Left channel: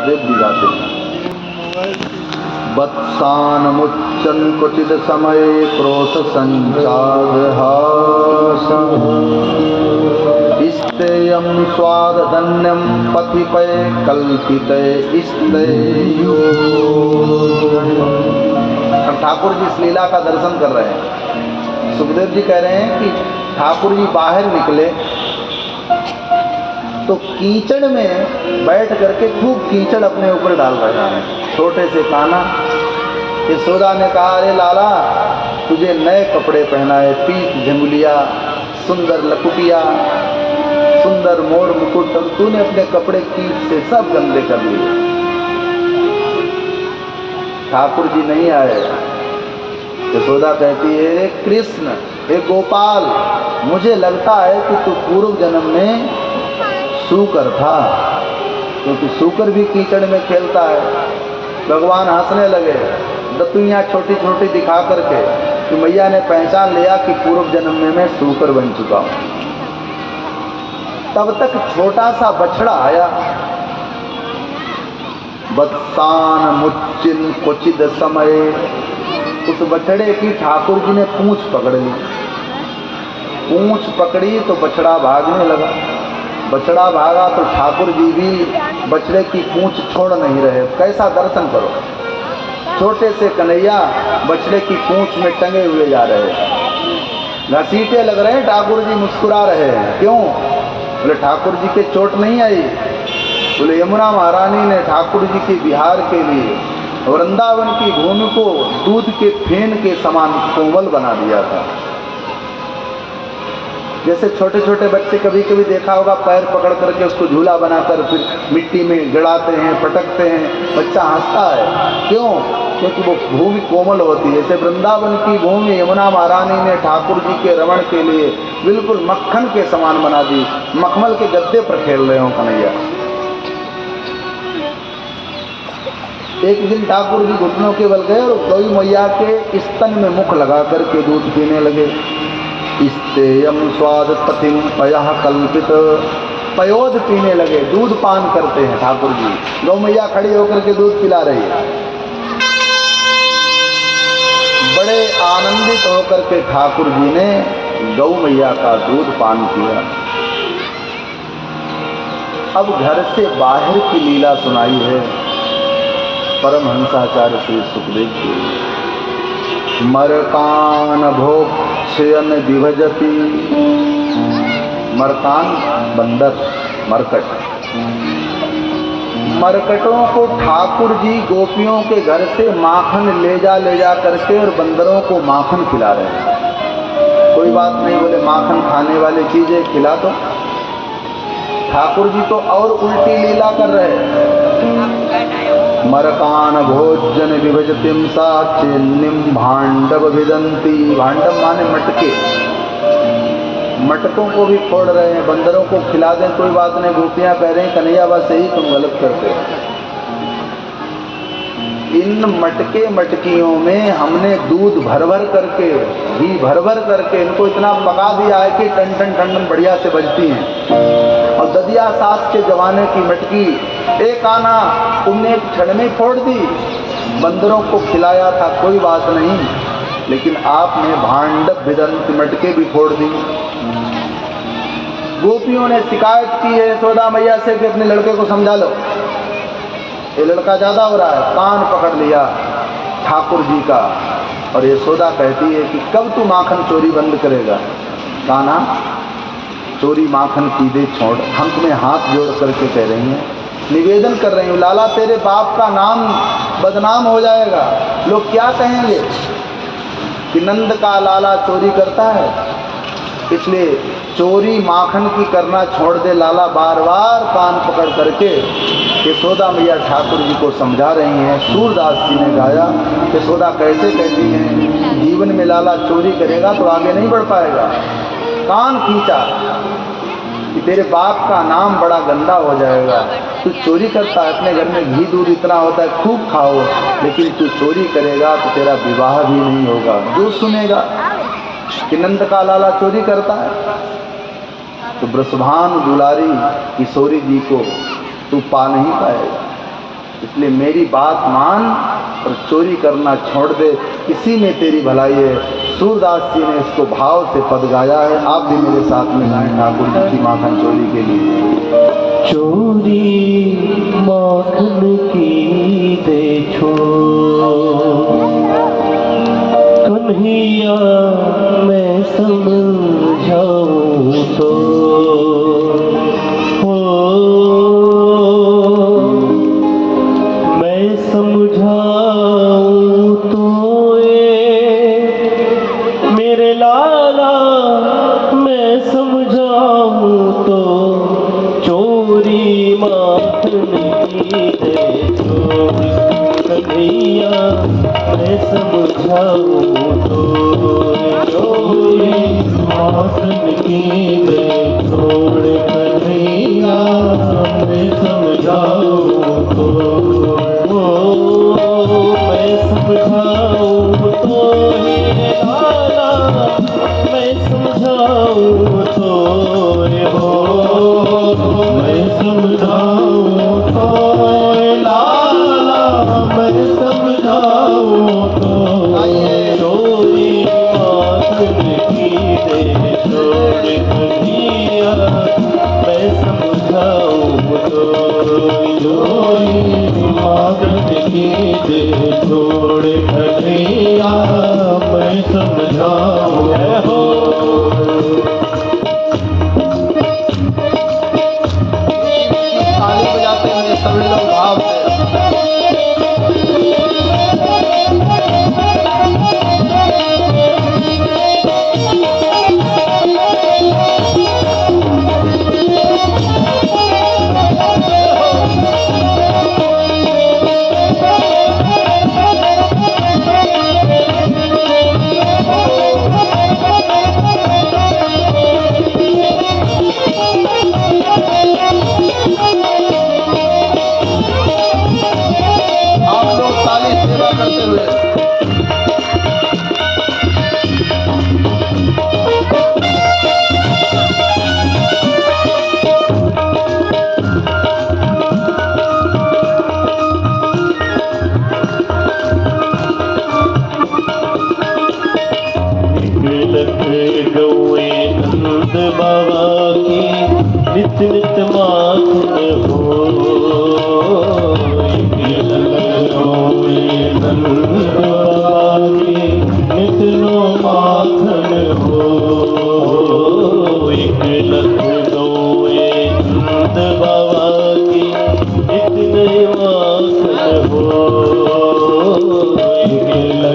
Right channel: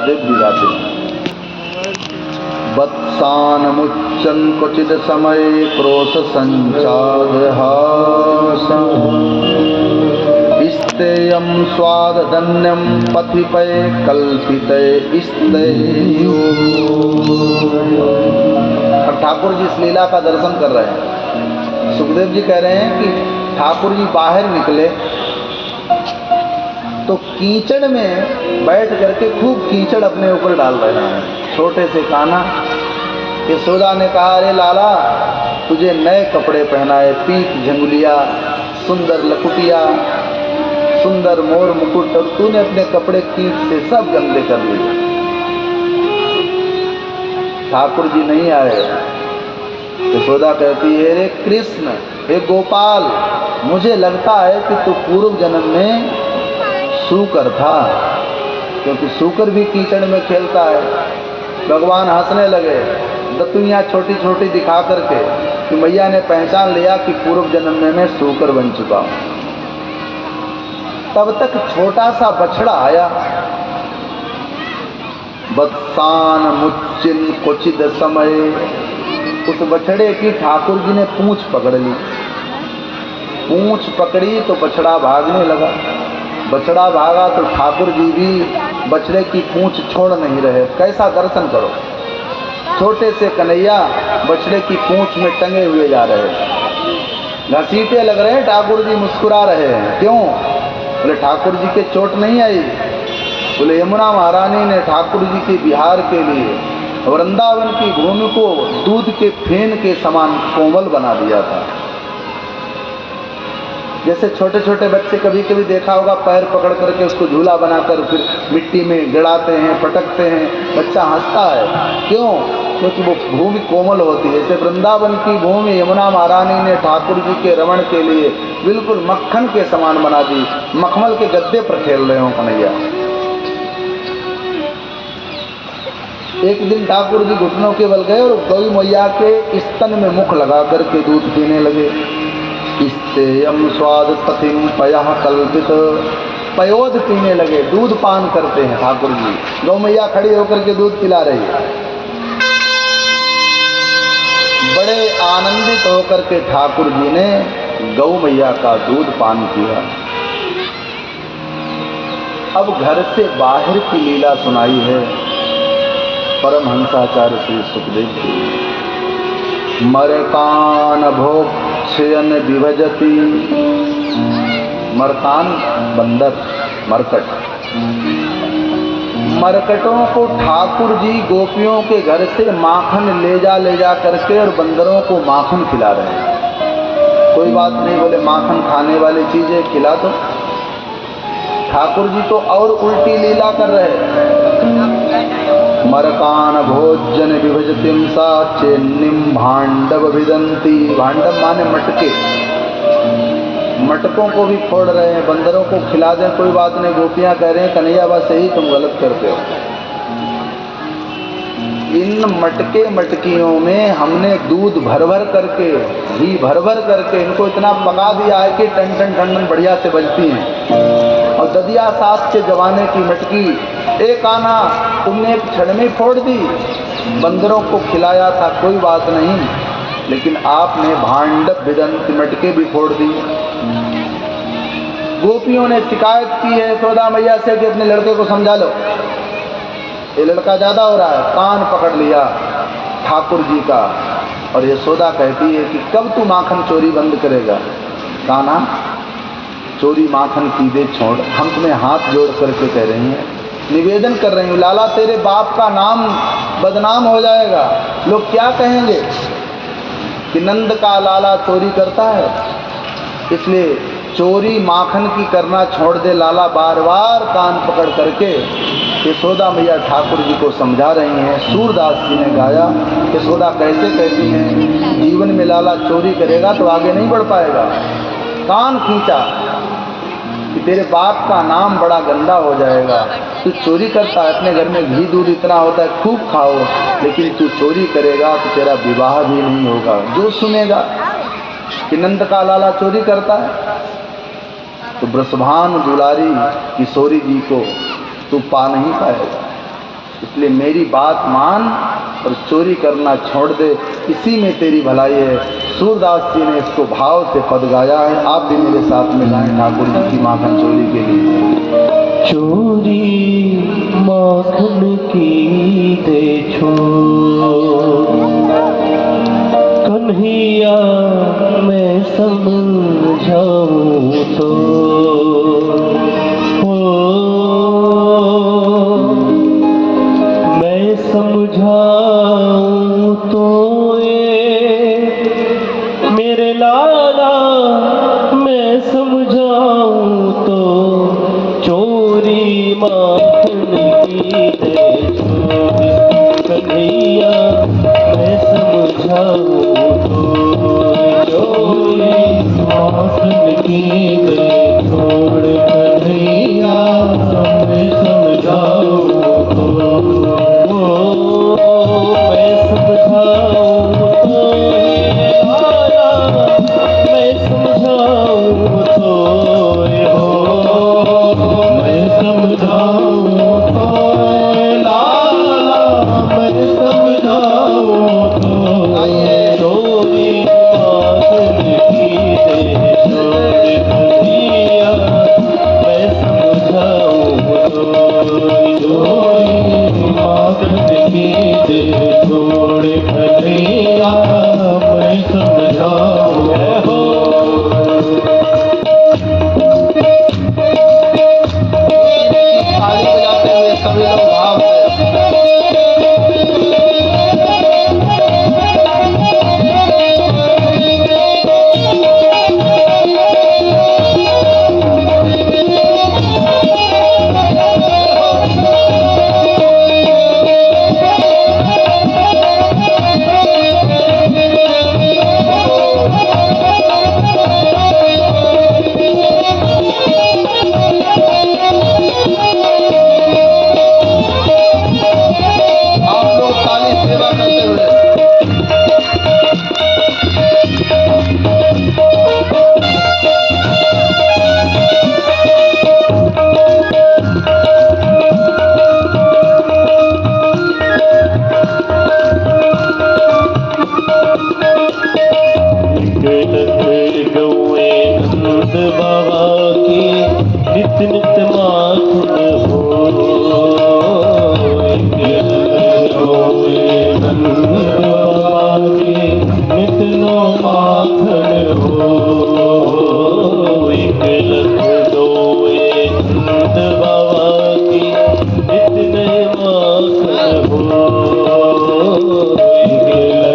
गाते वत्सानमुच्चन क्वचिद समय क्रोश संचादहासं इस्तेयं स्वादधन्यं पथिपय कल्पितय इस्तेयो। ठाकुर जी इस लीला का दर्शन कर रहे हैं। सुखदेव जी कह रहे हैं कि ठाकुर जी बाहर निकले तो कीचड़ में बैठ करके खूब कीचड़ अपने ऊपर डाल रहे हैं। छोटे से कान्हा, यशोदा ने कहा, अरे लाला तुझे नए कपड़े पहनाए, पीत झंगुलिया, सुंदर लकुटिया, सुंदर मोर मुकुट, और तूने अपने कपड़े कीच से सब गंदे कर लिए। ठाकुर जी नहीं आए। यशोदा कहती है, हे कृष्ण, हे गोपाल, मुझे लगता है कि तू पूर्व जन्म में सूकर था, क्योंकि सूकर भी कीचड़ में खेलता है। भगवान हंसने लगे, दतुइयां छोटी छोटी दिखा करके, कि मैया ने पहचान लिया कि पूर्व जन्म में मैं सूकर बन चुका। तब तक छोटा सा बछड़ा आया। वत्सान मुच्चिन क्वचिद समय, उस बछड़े की ठाकुर जी ने पूंछ पकड़ ली। पूंछ पकड़ी तो बछड़ा भागने लगा। बछड़ा भागा तो ठाकुर जी भी बछड़े की पूंछ छोड़ नहीं रहे। कैसा दर्शन करो, छोटे से कन्हैया बछड़े की पूंछ में टंगे हुए जा रहे हैं, घसीटे लग रहे हैं। ठाकुर जी मुस्कुरा रहे हैं। क्यों? बोले ठाकुर जी के चोट नहीं आई। बोले यमुना महारानी ने ठाकुर जी के बिहार के लिए वृंदावन की भूमि को दूध के फेन के समान कोमल बना दिया था। जैसे छोटे छोटे बच्चे कभी कभी देखा होगा, पैर पकड़ करके उसको झूला बनाकर फिर मिट्टी में गड़ाते हैं, पटकते हैं, बच्चा हंसता है। क्यों? क्योंकि वो भूमि कोमल होती है। जैसे वृंदावन की भूमि यमुना महारानी ने ठाकुर जी के रमण के लिए बिल्कुल मक्खन के समान बना दी। मखमल के गद्दे पर खेल रहे हो कन्हैया। एक दिन ठाकुर जी घुटनों के बल गए और गौ मैया के स्तन में मुख लगा करके दूध पीने लगे। इस्तेयम स्वाद पथिम पयः कल्पित, पयोद पीने लगे, दूध पान करते हैं ठाकुर जी। गौ मैया खड़ी होकर के दूध पिला रही है। बड़े आनंदित होकर के ठाकुर जी ने गौ मैया का दूध पान किया। अब घर से बाहर की लीला सुनाई है परमहंसाचार्य श्री सुखदेव जी। मरकान भोक्षयन विभजति, मरकान बंदर, मरकट, मरकटों को ठाकुर जी गोपियों के घर से माखन ले जा करके और बंदरों को माखन खिला रहे हैं। कोई बात नहीं, बोले माखन खाने वाली चीज है, खिला दो। ठाकुर जी तो और उल्टी लीला कर रहे हैं। मरकान भोजन विभजतिम सा चेन्निम भांडव विदंती, भांडव माने मटके, मटकों को भी फोड़ रहे हैं। बंदरों को खिला दें कोई बात नहीं, गोपियां कह रहे हैं कन्हैया बस यही तुम गलत करते हो। इन मटके मटकियों में हमने दूध भर भर करके, घी भर भर करके इनको इतना पका दिया है कि टन टन टन बढ़िया से बजती हैं। अब ददिया सास के जमाने की मटकी एक आना तुमने एक क्षण में फोड़ दी। बंदरों को खिलाया था कोई बात नहीं, लेकिन आपने भांडव विदंत मटके भी फोड़ दी। गोपियों ने शिकायत की है यशोदा मैया से कि अपने लड़के को समझा लो, ये लड़का ज्यादा हो रहा है। कान पकड़ लिया ठाकुर जी का और यशोदा कहती है कि कब तू माखन चोरी बंद करेगा? कान्हा चोरी माखन की दे छोड़। हम तुम्हें हाथ जोड़ करके कह रही हैं, निवेदन कर रही हूँ, लाला तेरे बाप का नाम बदनाम हो जाएगा। लोग क्या कहेंगे कि नंद का लाला चोरी करता है। इसलिए चोरी माखन की करना छोड़ दे लाला। बार बार कान पकड़ करके यशोदा मैया ठाकुर जी को समझा रही हैं। सूरदास जी ने गाया, यशोदा कैसे कहती हैं, जीवन में लाला चोरी करेगा तो आगे नहीं बढ़ पाएगा। कान खींचा कि तेरे बाप का नाम बड़ा गंदा हो जाएगा। तू चोरी करता है, अपने घर में घी दूध इतना होता है, खूब खाओ, लेकिन तू चोरी करेगा तो तेरा विवाह भी नहीं होगा। जो सुनेगा कि नंद का लाला चोरी करता है, तो ब्रसभान दुलारी किशोरी जी को तू पा नहीं पाएगा। इसलिए मेरी बात मान और चोरी करना छोड़ दे, इसी में तेरी भलाई है। सूरदास जी ने इसको भाव से पद गाया है, आप भी मेरे साथ में गाएं ठाकुर जी की माखन चोरी के लिए। चोरी माखन की देखो कन्हैया मैं समझाऊं तो, हो मैं समझाऊं तो ये मेरे लाला, मैं समझाऊं तो चोरी माखन की देखो कन्हैया मैं समझाऊं तो, चोरी माखन की देखो कन्हैया मैं समझाऊं तो, मैं समझाऊं तो ये लाला, मैं समझाऊं तो ये हो, मैं समझाऊं तो ये लाला, मैं समझाऊं तो चोरी माखन की देखो कन्हैया मैं समझाऊं तो, चोरी माखन की देखो कन्हैया मैं समझाऊं हो। ताली बजाते हुए सभी लोग भाव से। आप लोग ताली सेवा करते हुए। गौए नंद बाबा की नित नित माखन हो, गौए नंद बाबा की नित नो माखन हो, एक लख गौए नंद बाबा की नित ने माखन